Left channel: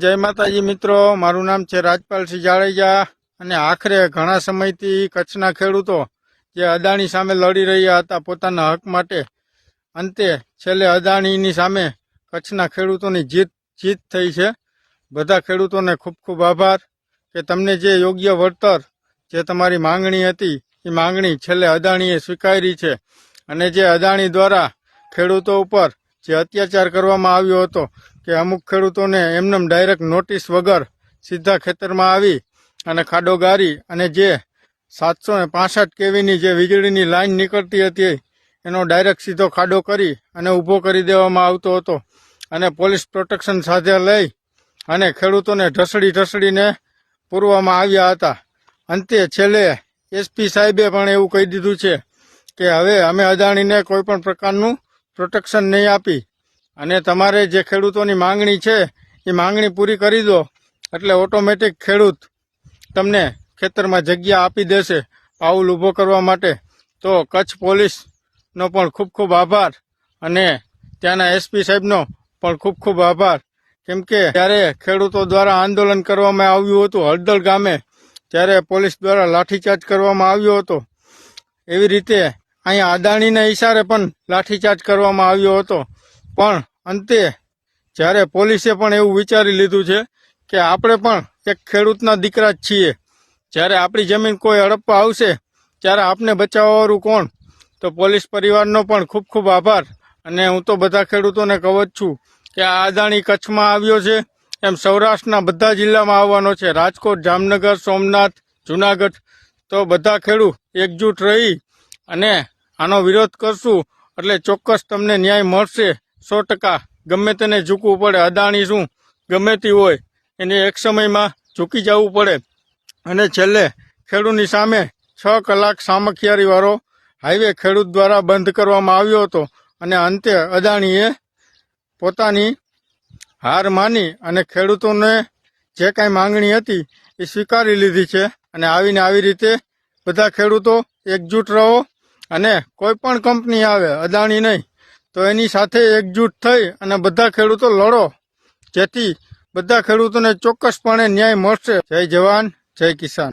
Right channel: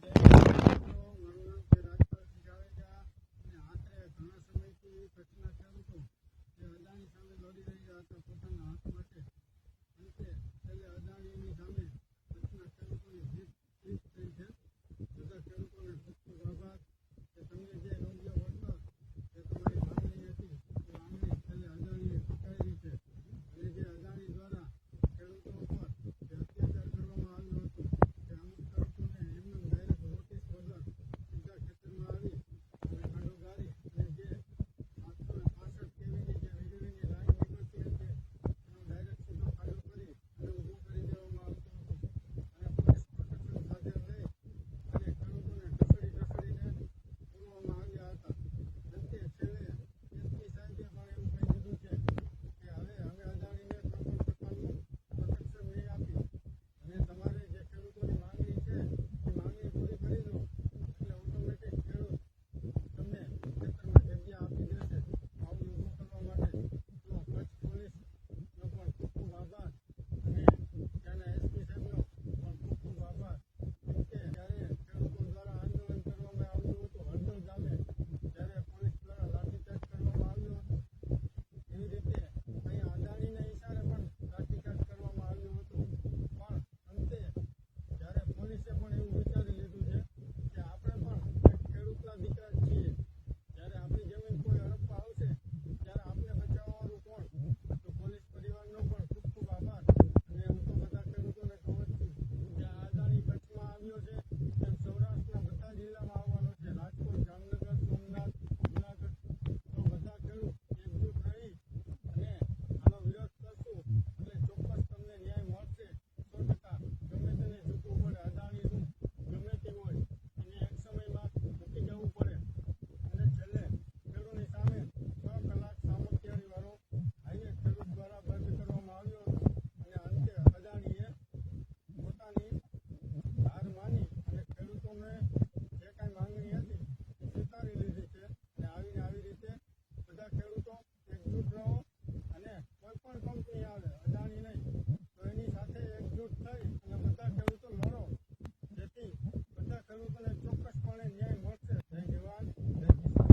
જય માતાજી મિત્રો, મારું નામ છે રાજપાલસિંહ જાડેજા અને આખરે ઘણા સમયથી કચ્છના ખેડૂતો જે અદાણી સામે લડી રહ્યા હતા પોતાના હક માટે, અંતે છેલ્લે અદાણીની સામે કચ્છના ખેડૂતોની જીત થઈ છે। બધા ખેડૂતોને ખૂબ ખૂબ આભાર કે તમને જે યોગ્ય વળતર જે તમારી માંગણી હતી એ માંગણી છેલ્લે અદાણીએ સ્વીકારી છે અને જે અદાણી દ્વારા ખેડૂતો ઉપર જે અત્યાચાર કરવામાં આવ્યો હતો કે અમુક ખેડૂતોને એમનેમ ડાયરેક્ટ નોટિસ વગર સીધા ખેતરમાં આવી અને ખાડો ગારી અને જે 765 કેવીની જે વીજળીની લાઈન નીકળતી હતી એનો ડાયરેક્ટ સીધો ખાડો કરી અને ઊભો કરી દેવામાં આવતો હતો અને પોલીસ પ્રોટેક્શન સાથે લઈ અને ખેડૂતોને ઢસડીને પૂરવામાં આવ્યા હતા। અંતે છેલ્લે એસપી સાહેબે પણ એવું કહી દીધું છે કે હવે અમે અદાણીને કોઈ પણ પ્રકારનું પ્રોટેક્શન નહીં આપી અને તમારે જે ખેડૂતોની માંગણી છે એ માંગણી પૂરી કરી દો એટલે ઓટોમેટિક ખેડૂત તમને ખેતરમાં જગ્યા આપી દેશે પાઉલ ઊભો કરવા માટે। તો કચ્છ પોલીસનો પણ ખૂબ ખૂબ આભાર અને ત્યાંના એસપી સાહેબનો પણ ખૂબ ખૂબ આભાર, કેમ કે ત્યારે ખેડૂતો દ્વારા આંદોલન કરવામાં આવ્યું હતું હળદળ ગામે, ત્યારે પોલીસ દ્વારા લાઠીચાર્જ કરવામાં આવ્યો હતો। એવી રીતે અહીંયા અદાણીના ઈશારે પણ લાઠીચાર્જ કરવામાં આવ્યો હતો, પણ અંતે જ્યારે પોલીસે પણ એવું વિચારી લીધું છે કે આપણે પણ એક ખેડૂતના દીકરા જ છીએ, જ્યારે આપણી જમીન કોઈ હડપવા આવશે ત્યારે આપને બચાવવાવાળું કોણ? તો પોલીસ પરિવારનો પણ ખૂબ ખૂબ આભાર અને હું તો બધા ખેડૂતોને કહું જ છું કે આ અદાણી કચ્છમાં આવ્યો છે એમ સૌરાષ્ટ્રના બધા જિલ્લામાં આવવાનો છે, રાજકોટ, જામનગર, સોમનાથ, જુનાગઢ। તો બધા ખેડૂત એકજૂટ રહી અને આનો વિરોધ કરશું એટલે ચોક્કસ તમને ન્યાય મળશે 100%। ગમે તેને ઝૂકવું પડે, અદાણી શું ગમે તે હોય એને એક સમયમાં ઝૂકી જવું પડે અને છેલ્લે ખેડૂતની સામે 6 કલાક સામખિયારીવાળો હાઈવે ખેડૂત દ્વારા બંધ કરવામાં આવ્યો હતો અને અંતે અદાણીએ પોતાની હાર માની અને ખેડૂતોને જે કાંઈ માંગણી હતી એ સ્વીકારી લીધી છે અને આવીને આવી રીતે બધા ખેડૂતો એકજૂટ રહો અને કોઈ પણ કંપની આવે અદાણી નહીં તો એની સાથે એકજૂટ થઈ અને બધા ખેડૂતો લડો, જેથી બધા ખેડૂતોને ચોક્કસપણે ન્યાય મળશે। જય જવાન, જય કિસાન।